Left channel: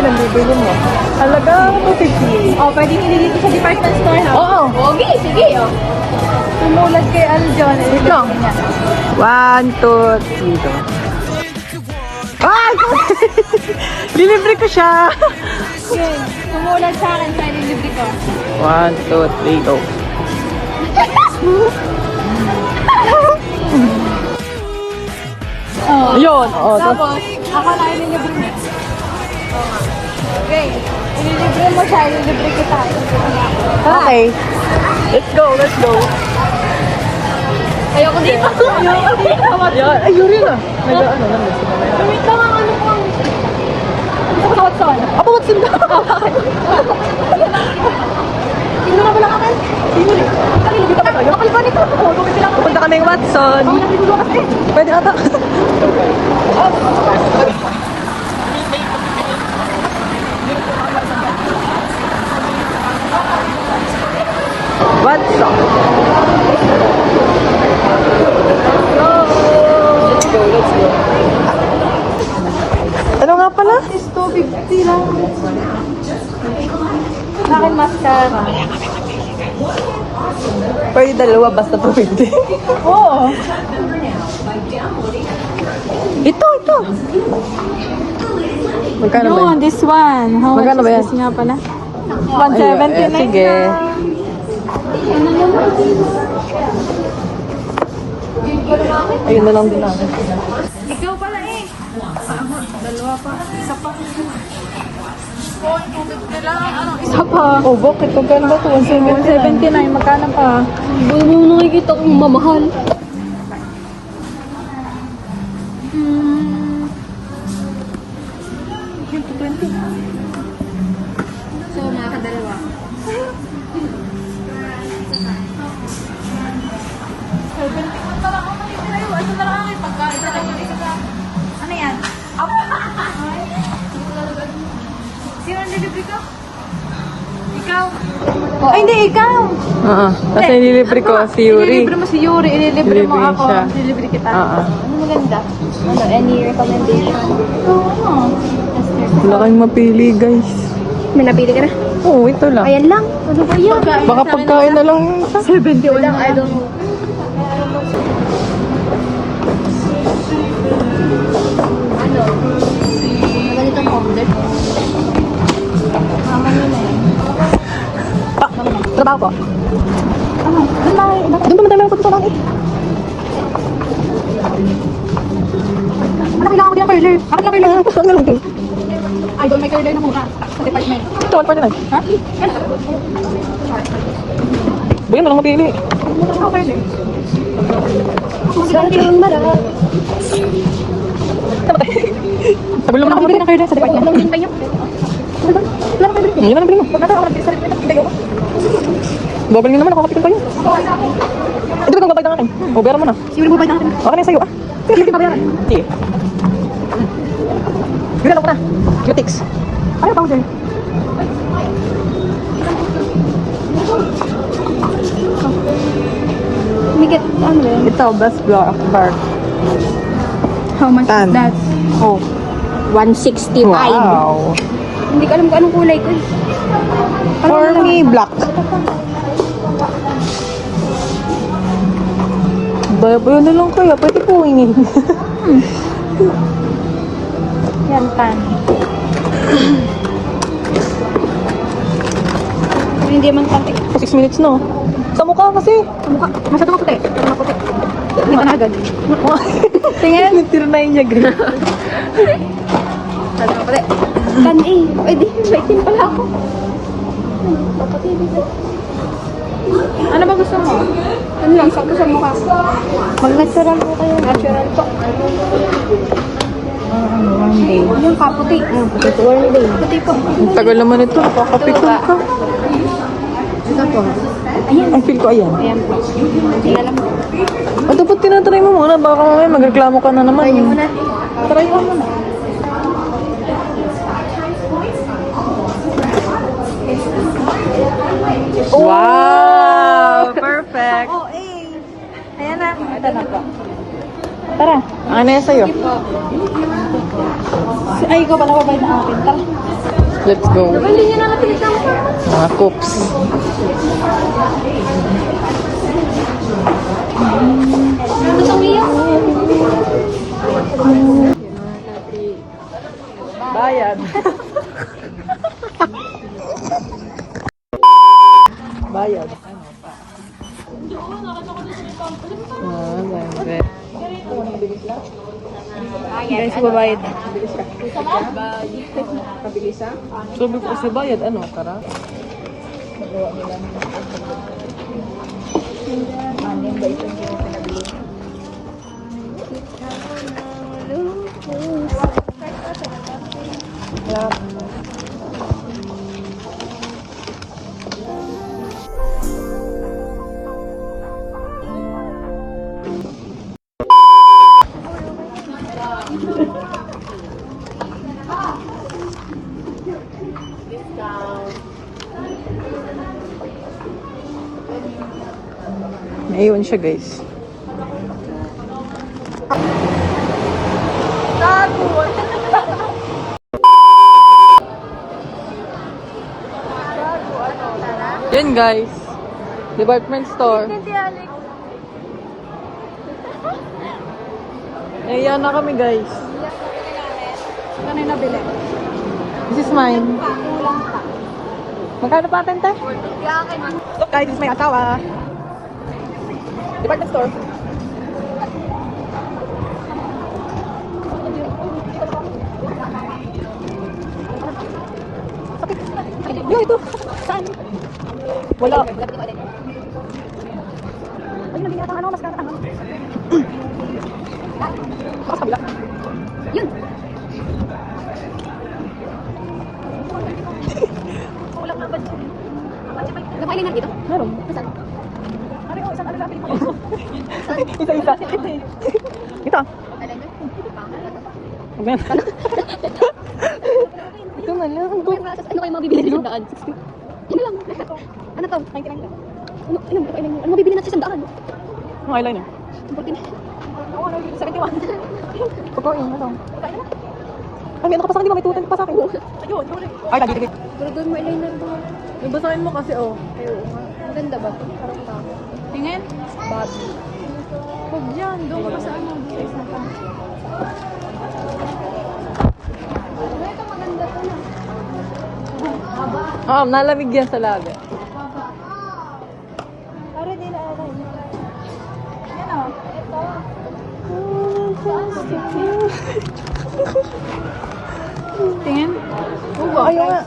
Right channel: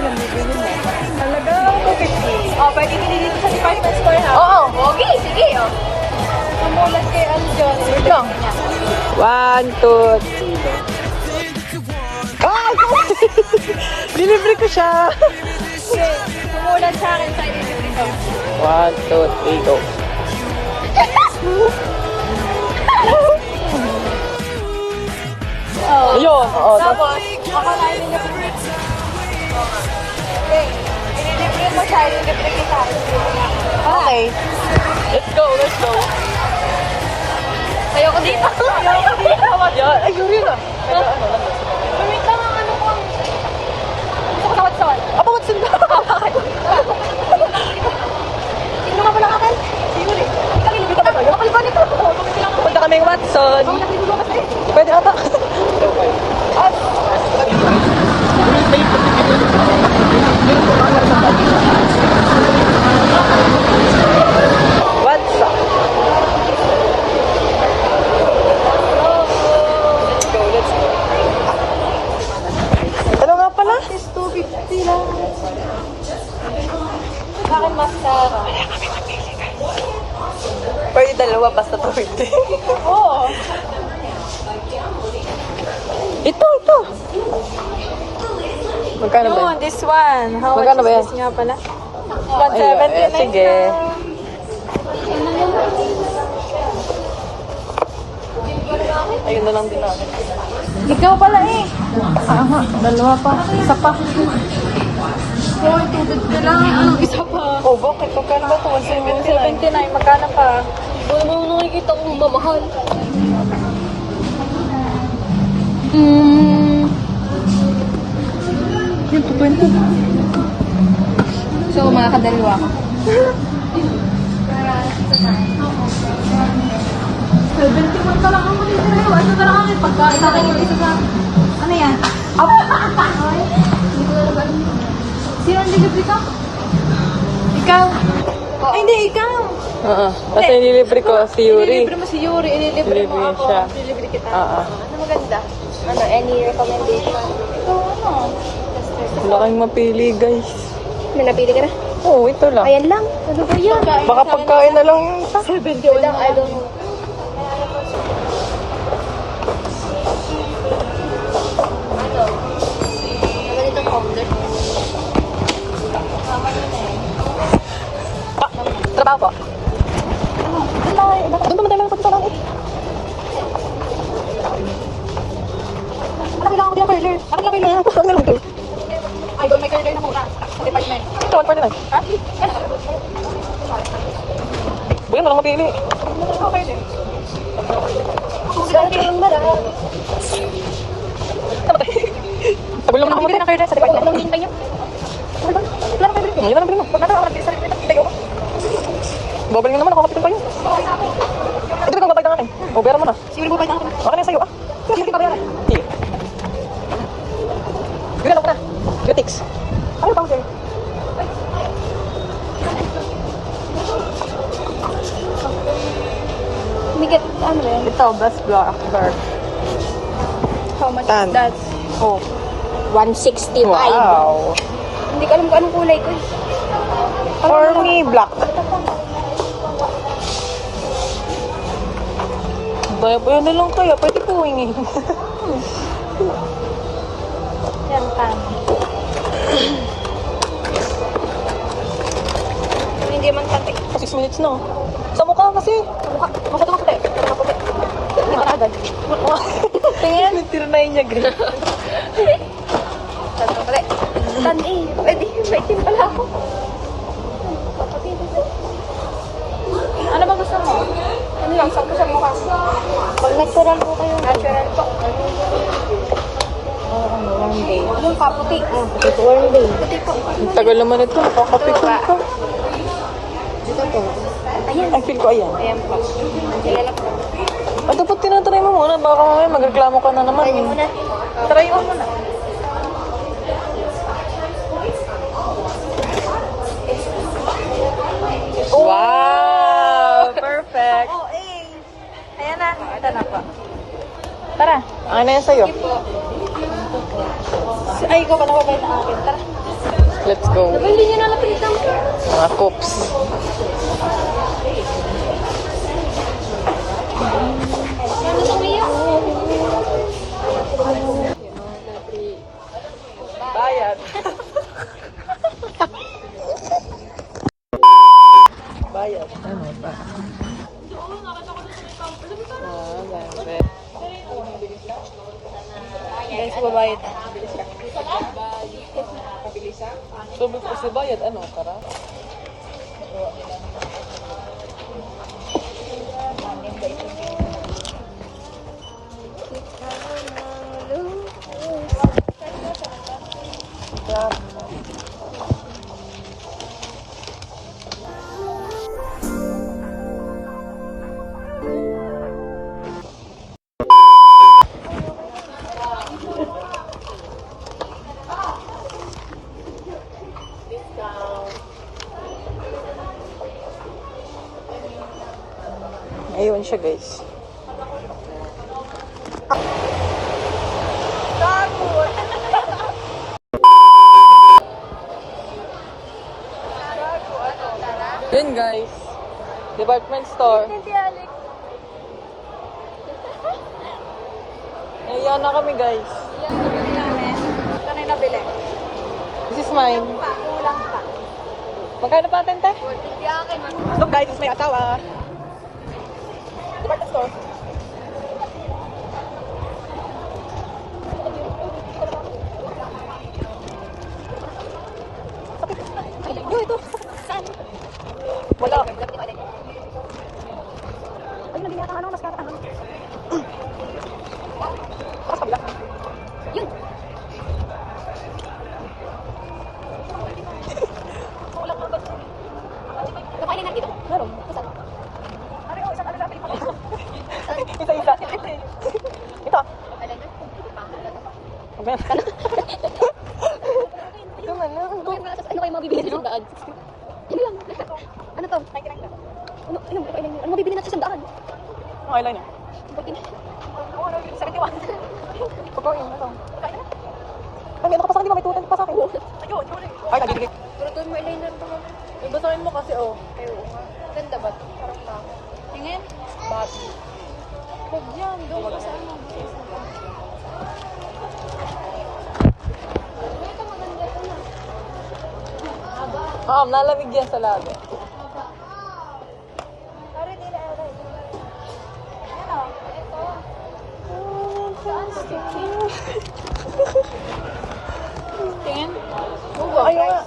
nabibili mo. Talagang 250. Oh, pwede ko nila sa department store na. Oo. Okay, sige. Sinulat kay ano dyan. 1, 2, 3. Ah! Binintry ko siya! Sinulat sa akin sa 1, 2, 3. Yun! Libre mo siya, libre kita. Okay. Let's go, let's go. Ayoko dito. Ay, yuri na. Medyo ano. Wait lang, ano po? Watson. Apa, what's in that? Sino nga wala ka tayo? Punta kaming Watson. Pwede ka ba? Ano nga pala? It's 250 lang. Akin mascara. Pwede dalawa basta 250. Oo. Ito. Yun, this one. How much Magkano ba is this nga pala? 170 na. Sige. Ayun na lang din ako. Ikaw pala eh. Aha, dalawa pa. Isa pa. Isa pa. Oh, bakit? Pagkano ba ito? 170. 179. Magkano pa? Ano mo nakikita kong mamahal? Yung 220. So, mga kadalawa ko. 71 ka lang ang matitira yun. Ano na lang kami? Pagka isa lang yung isa sa... Ano yan? Up! Sino ang delivery ka? Ikaw? Ay, hindi, ikaw! Oo. Kasi nilibre ko si Yuri. Ililibre mo si Yuri, ililibre mo Ililibre ako, siya. ililibre kita. Oo. Ang ganda. Ano, any recommendation? Oo. Wala kayong mapili, guys. May nabili ka na? Oo, ito lang. Ayan lang. Baka pagkain na lang. 71 ang ano. Balitan ko ulit. Trabaho po. Doon ba madami ako sa bakit? Ano kailangan ko din ang parlor? Bakit lang kailangan ko? Ay, doon may parlor na muna. Ito, ano pa na? Bayan, walang mapili. Ano parlor? Saan kailangan ba? Sabi lang mapili ng parlor. Yung tayo. Hindi naman nabili mo. Bakit ako nag-decide na tayo? Babal mo naman, nakakapitin kayo. Ito ba itong babayad ng akin? O, bayaran mo na. Yuri mo ba natin? Okay na sa'yo, ah. Hindi pa bayaran. Sige. Yun ako na. Cutix. Ano powder? Umigit. Ito, best blow bar. How much is that? Oh. 165. Wow. Hindi ko alam kung anong kulay. Ano lang yung black? Double na lang kaya. Pwede po ini. Yan, pan. Hindi man kanti. 6 minutes no. Sa mukha kasi. Masyado ko puti. Hindi ba na agad? Tingnan. Nagtirnayin niya, green. Ano ka pare? Ano eh? Pwede. Exciting pa lang. Ano ba gusto mo? Ano lang? Sakto sa mukha. Mag-natural ko kayo. Natural ko. Yung kaputi. Puti ko. Ang tagal naman ito. Picture ko. Ang feel ko ayan. Ayan po. Ayan lang. Ito ba't tinatry mo muna? Baka mamaya magreklamo ka na naman. Try mo na. Try mo na. Wow! Perfect! Oh, eh. Ayan na. Ito na po. Tara. Ano yan sa'yo? Sinay ko pala mabay na akin. Tara. Let's go. Batuks. Ano sa uya? Bayad. Bayad. Ano pa? Guys, babayad. Sabi ko kasi bayad. Ano? Tara. Naiwan siya, guys. Yan, guys. Department store. Ayan na kami, guys. Ano yung nabili? This is mine. Magkano pa atin, te? Ito, kahit may asawa. Department store. Yeah, ito. Saan? Wala. Meron. Isa-isa. Ito. Amen. Ito na lang. Ano kayo mabibili ng daan? Ano to? 99. Ano mabibili natin sa daan? Ang eyeliner. 71. Opo, yun. Ito. Ay, meron ka pa sa akin. May tutan pa sa akin. Ay, dali. Pero mo eyeliner ba? Nabasahin mo kasi, oh. Ang ganda ba? Tingin? Huwag yan. Doon ka sa ano. Ma'am, nalamig yan sa laga. Para din ako. Tingin? Ayaw nga.